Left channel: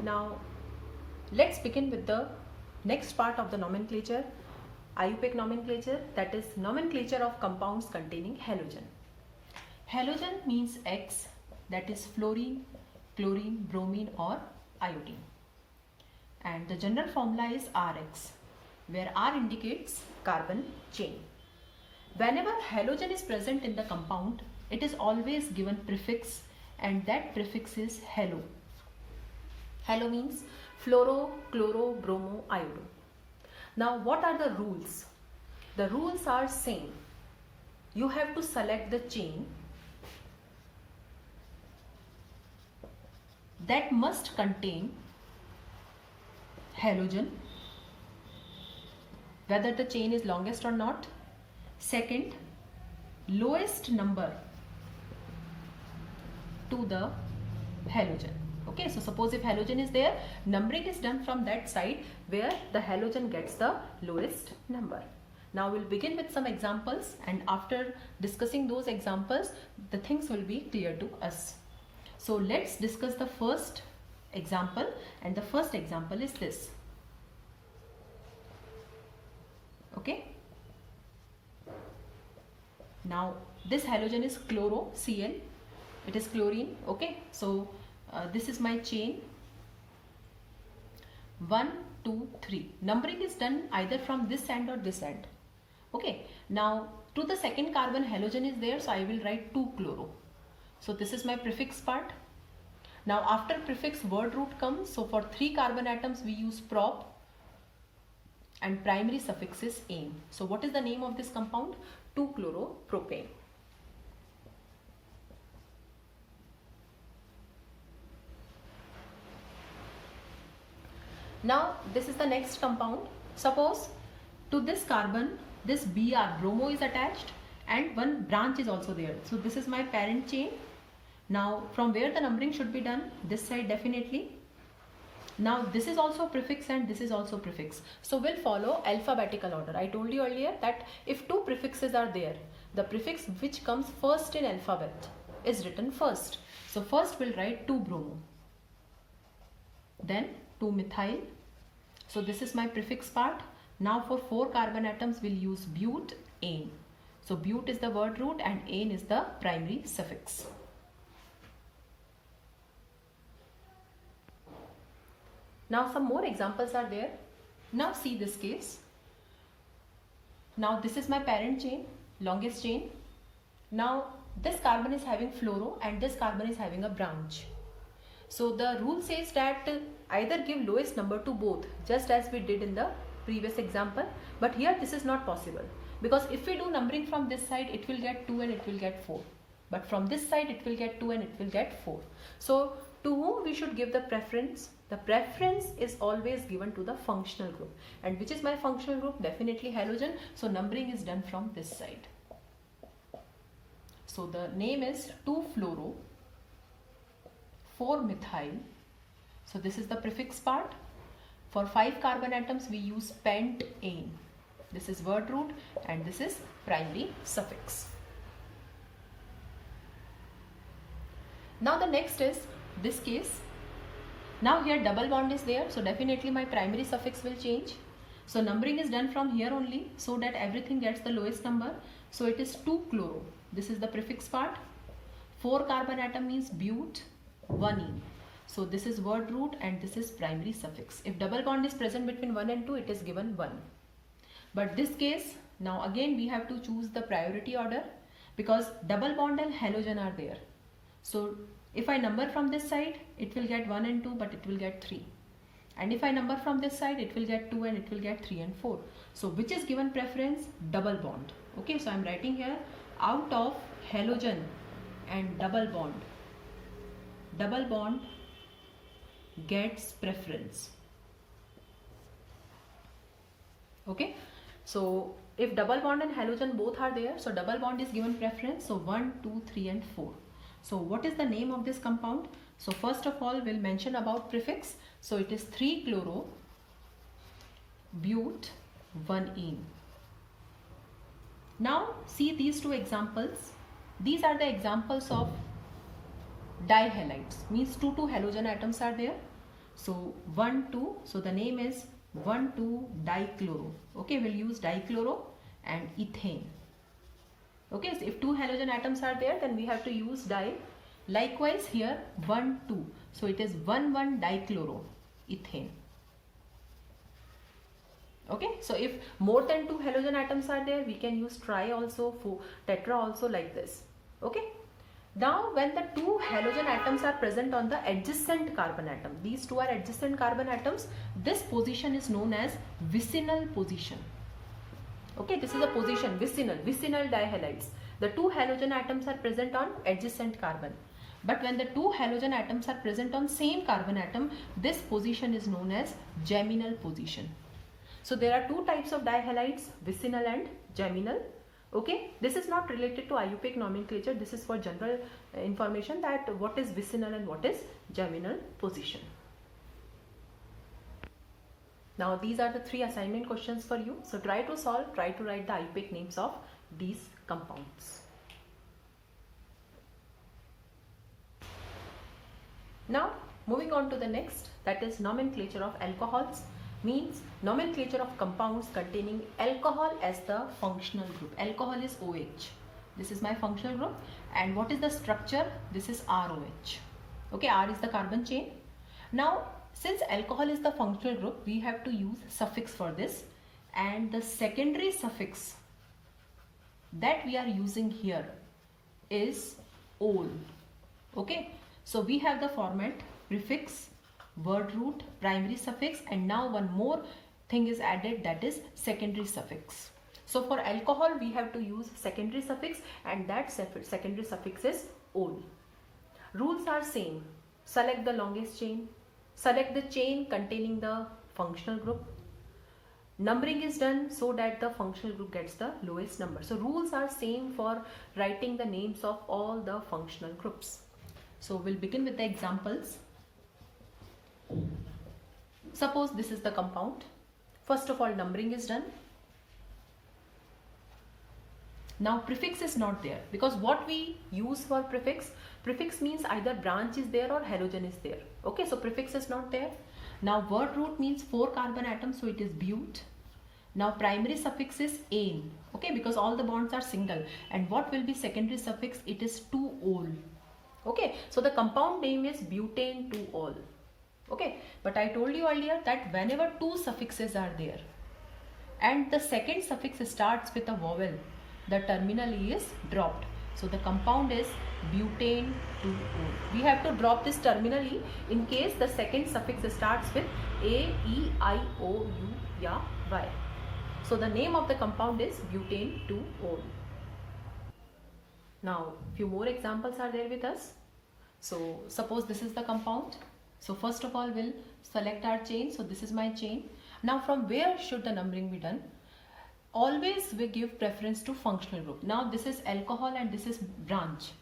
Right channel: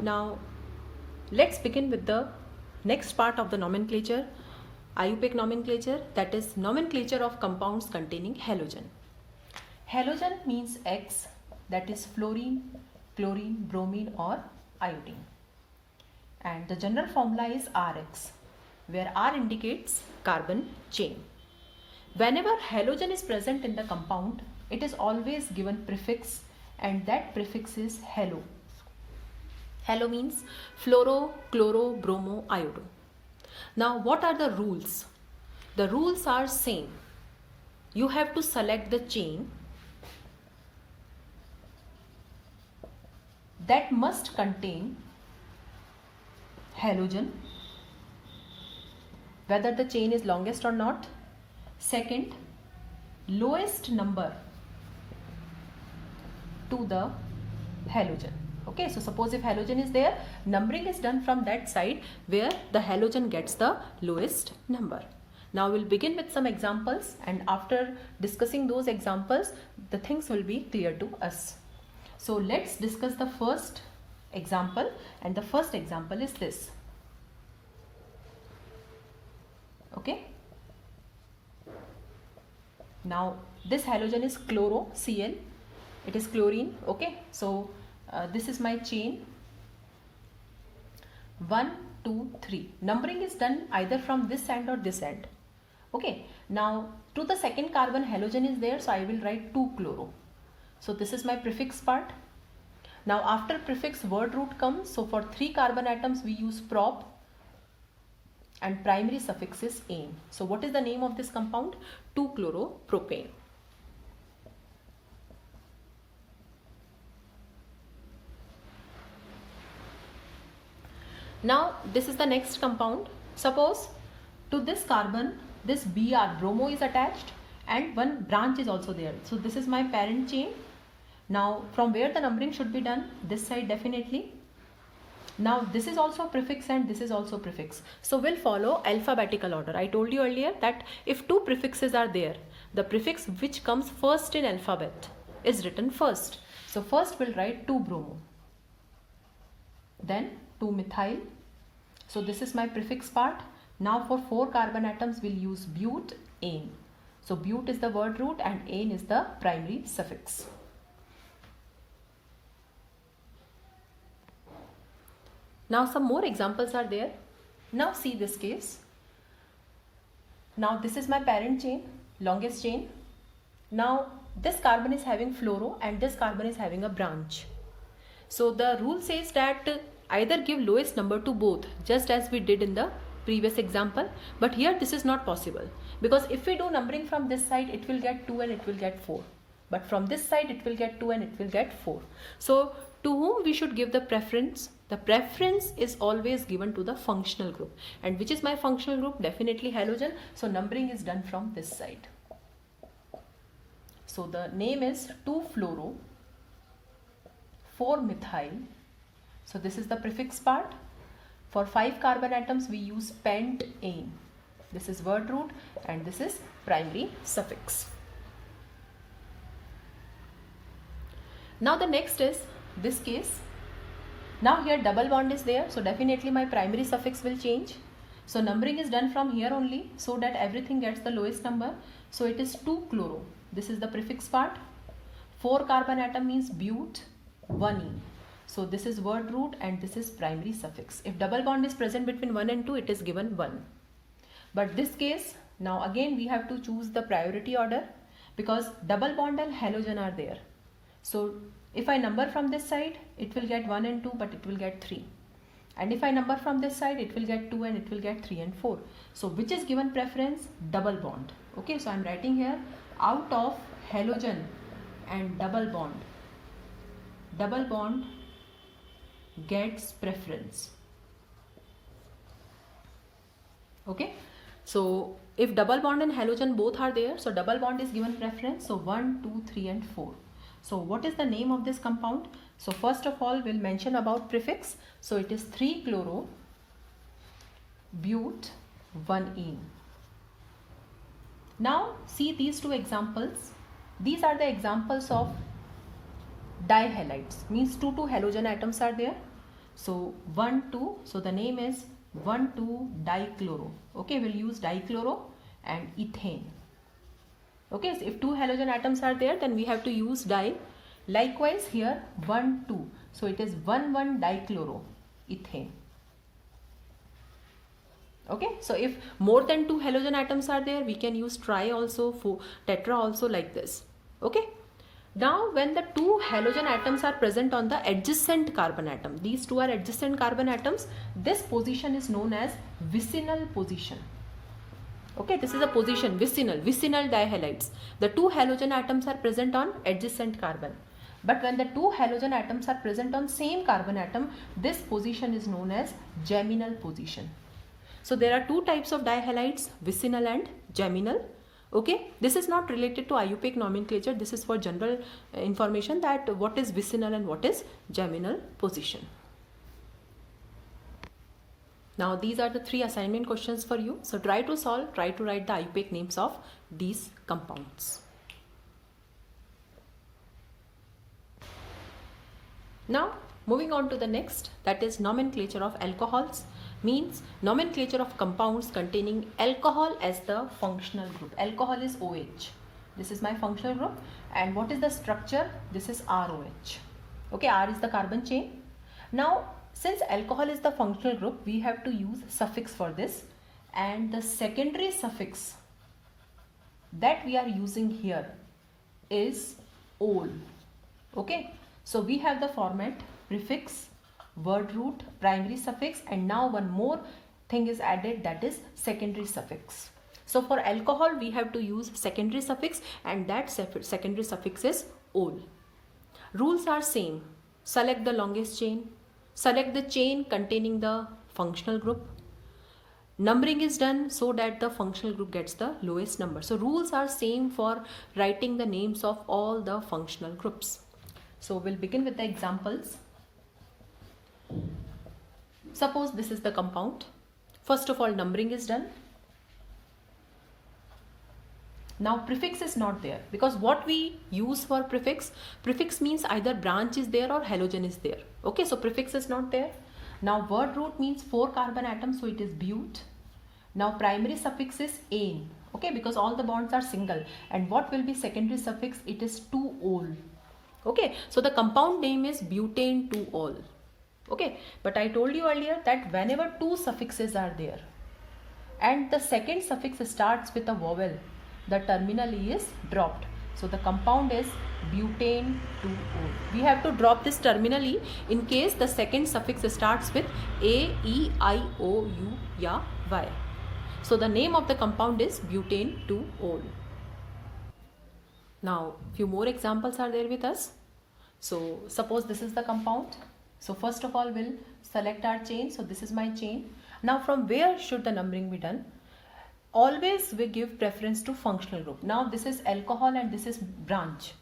Now let's begin with the next part of the nomenclature, IUPAC nomenclature, that is nomenclature of compounds containing halogen. Halogen means X, that is fluorine, chlorine, bromine or iodine. And the general formula is Rx, where R indicates carbon chain. Whenever halogen is present in the compound, it is always given prefix, and that prefix is halo. Halo means fluoro, chloro, bromo, iodo. Now what are the rules? The rules are same. You have to select the chain that must contain halogen, whether the chain is longest or not. Second, lowest number to the halogen. Okay, so suppose if halogen is there, numbering is done from that side where the halogen gets the lowest number. Now we'll begin with some examples, and after discussing those examples, the things will be clear to us. So let's discuss the first example, and the first example is this. Okay. Now this halogen is chloro-Cl. It is chlorine. Okay. So this is my chain. 1, 2, 3. Numbering is done either from this end or this end. Okay. Now to the second carbon halogen is there, so I will write 2-chloro. So this is my prefix part. Now after prefix word root comes. So for 3 carbon atoms we use prop, and primary suffix is ane. So what is the name of this compound? 2-chloropropane. Now this is the next compound. Suppose to this carbon this Br, bromo, is attached, and one branch is also there. So this is my parent chain. Now from where the numbering should be done? This side definitely. Now this is also prefix and this is also prefix. So we'll follow alphabetical order. I told you earlier that if 2 prefixes are there, the prefix which comes first in alphabet is written first. So first we'll write 2-bromo, then 2-methyl. So this is my prefix part. Now for 4 carbon atoms we'll use bute, ane. So bute is the word root and ane is the primary suffix. Now some more examples are there. Now see this case. Now this is my parent chain, longest chain. Now this carbon is having fluoro and this carbon is having a branch. So the rule says that either give lowest number to both, just as we did in the previous example. But here this is not possible, because if we do numbering from this side, it will get 2 and it will get 4. But from this side it will get 2 and it will get 4. So to whom we should give the preference? The preference is always given to the functional group. And which is my functional group? Definitely halogen. So numbering is done from this side. So the name is 2-fluoro, 4-methyl. So this is the prefix part. For 5 carbon atoms we use pent-ane. This is word root and this is primary suffix. Now the next is this case. Now here double bond is there, so definitely my primary suffix will change. So numbering is done from here only, so that everything gets the lowest number. So it is 2-chloro. This is the prefix part. 4 carbon atom means bute, 1-ene. So this is word root and this is primary suffix. If double bond is present between 1 and 2, it is given 1. But this case, now again we have to choose the priority order, because double bond and halogen are there. So if I number from this side, it will get 1 and 2, but it will get 3. And if I number from this side, it will get 2 and it will get 3 and 4. So which is given preference? Double bond. Okay, so I am writing here, out of halogen and double bond gets preference. Okay, so if double bond and halogen both are there, so double bond is given preference. So 1, 2, 3 and 4. So what is the name of this compound? So first of all we'll mention about prefix. So it is 3-chloro, bute, 1-ene. Now see these two examples. These are the examples of dihalides, means 2 halogen atoms are there. So 1,2, so the name is 1,2-dichloro. Okay, we'll use dichloro and ethane. Okay, so if two halogen atoms are there, then we have to use di. Likewise here 1,2, so it is 1,1-dichloro ethane. Okay, so if more than two halogen atoms are there, we can use tri also, for tetra also, like this. Okay, now when the two halogen atoms are present on the adjacent carbon atom, these two are adjacent carbon atoms, this position is known as vicinal position. Okay, this is a position, vicinal dihalides. The two halogen atoms are present on adjacent carbon. But when the two halogen atoms are present on same carbon atom, this position is known as geminal position. So there are two types of dihalides, vicinal and geminal. Okay, this is not related to IUPAC nomenclature. This is for general information that what is vicinal and what is geminal position. Now these are the three assignment questions for you. So try to solve, try to write the IUPAC names of these compounds. Now moving on to the next, that is nomenclature of alcohols, means nomenclature of compounds containing alcohol as the functional group. Alcohol is OH. This is my functional group. And what is the structure? This is ROH. Okay, R is the carbon chain. Now since alcohol is the functional group, we have to use suffix for this, and the secondary suffix that we are using here is ol. Okay, so we have the format prefix, word root, primary suffix, and now one more thing is added, that is secondary suffix. So for alcohol we have to use secondary suffix, and that secondary suffix is ol. Rules are same. Select the longest chain. Select the chain containing the functional group. Numbering is done so that the functional group gets the lowest number. So rules are same for writing the names of all the functional groups. So we'll begin with the examples. Suppose this is the compound. First of all, numbering is done. Now prefix is not there, because what we use for prefix means either branch is there or halogen is there. Okay, so prefix is not there. Now word root means 4 carbon atoms, so it is but. Now primary suffix is ane. Okay, because all the bonds are single. And what will be secondary suffix? It is 2-ol. Okay, so the compound name is butane 2-ol. Okay, but I told you earlier that whenever two suffixes are there and the second suffix starts with a vowel, the terminal E is dropped. So the compound is butane 2-ol. We have to drop this terminal E in case the second suffix starts with A, E, I, O, U, ya, Y. So the name of the compound is butane 2-ol. Now few more examples are there with us. So suppose this is the compound. So first of all we'll select our chain. So this is my chain. Now from where should the numbering be done? Always we give preference to functional group. Now this is alcohol and this is branch.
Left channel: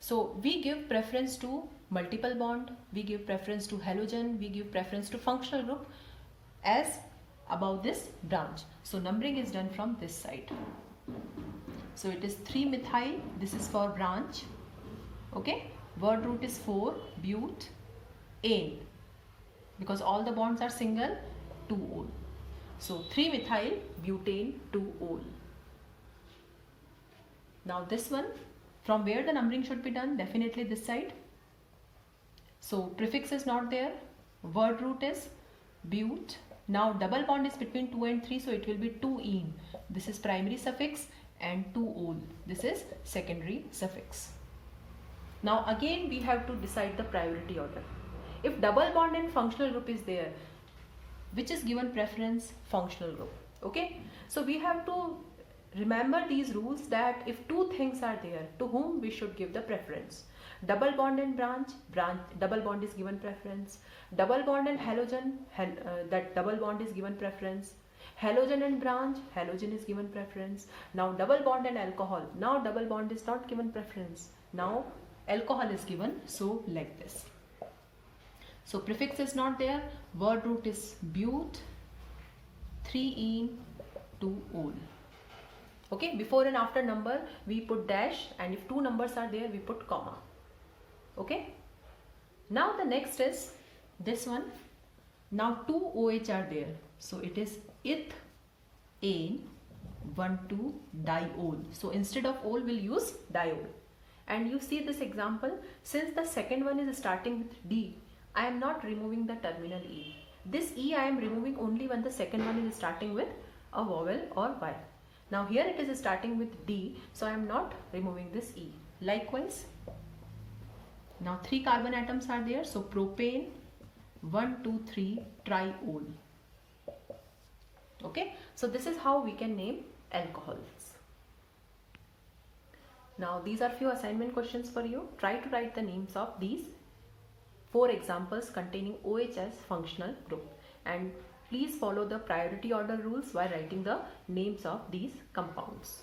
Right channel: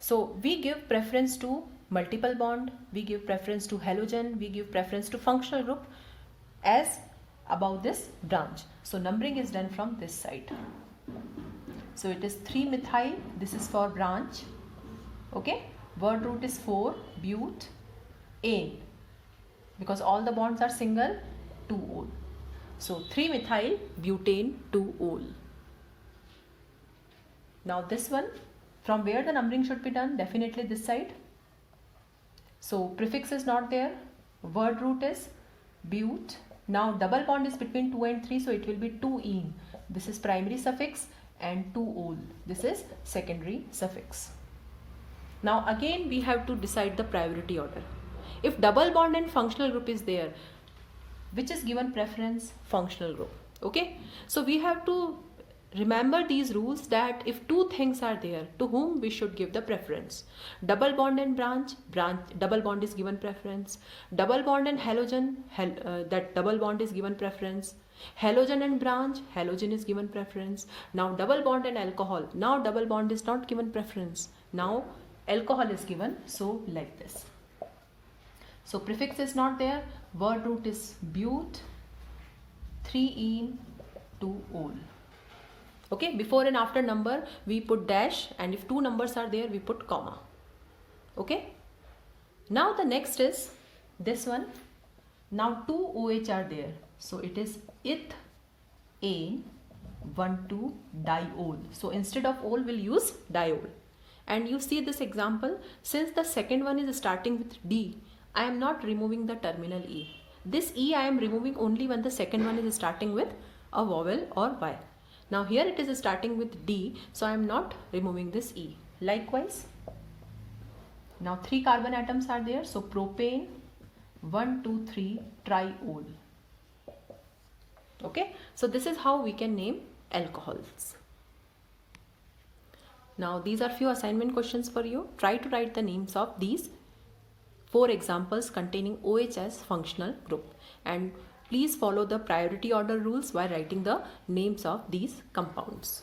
So we give preference to multiple bond, we give preference to halogen, we give preference to functional group as above this branch. So numbering is done from this side. So it is 3-methyl, this is for branch. Okay, word root is 4, but, ane, because all the bonds are single, 2-ol. So 3-methyl butane 2-ol. Now this one, from where the numbering should be done? Definitely this side. So prefix is not there. Word root is but. Now double bond is between 2 and 3, so it will be 2-ene. This is primary suffix, and 2-ol. This is secondary suffix. Now again we have to decide the priority order. If double bond and functional group is there, which is given preference? Functional group. Okay, so we have to remember these rules, that if two things are there, to whom we should give the preference. Double bond and branch, double bond is given preference. Double bond and halogen, that double bond is given preference. Halogen and branch, halogen is given preference. Now double bond and alcohol, now double bond is not given preference. Now alcohol is given, so like this. So prefix is not there, word root is but, 3-ene 2-ol. Okay, before and after number we put dash, and if two numbers are there we put comma. Okay, now the next is this one. Now 2 OH are there. So it is ethane 1,2-diol. So instead of ol, we'll use diol. And you see this example, since the second one is starting with D, I am not removing the terminal E. This E I am removing only when the second one is starting with a vowel or Y. Now here it is starting with D, so I am not removing this E. Likewise, now 3 carbon atoms are there, so propane 1,2,3-triol. Okay, so this is how we can name alcohols. Now these are few assignment questions for you. Try to write the names of these 4 examples containing OH as functional group, and please follow the priority order rules while writing the names of these compounds.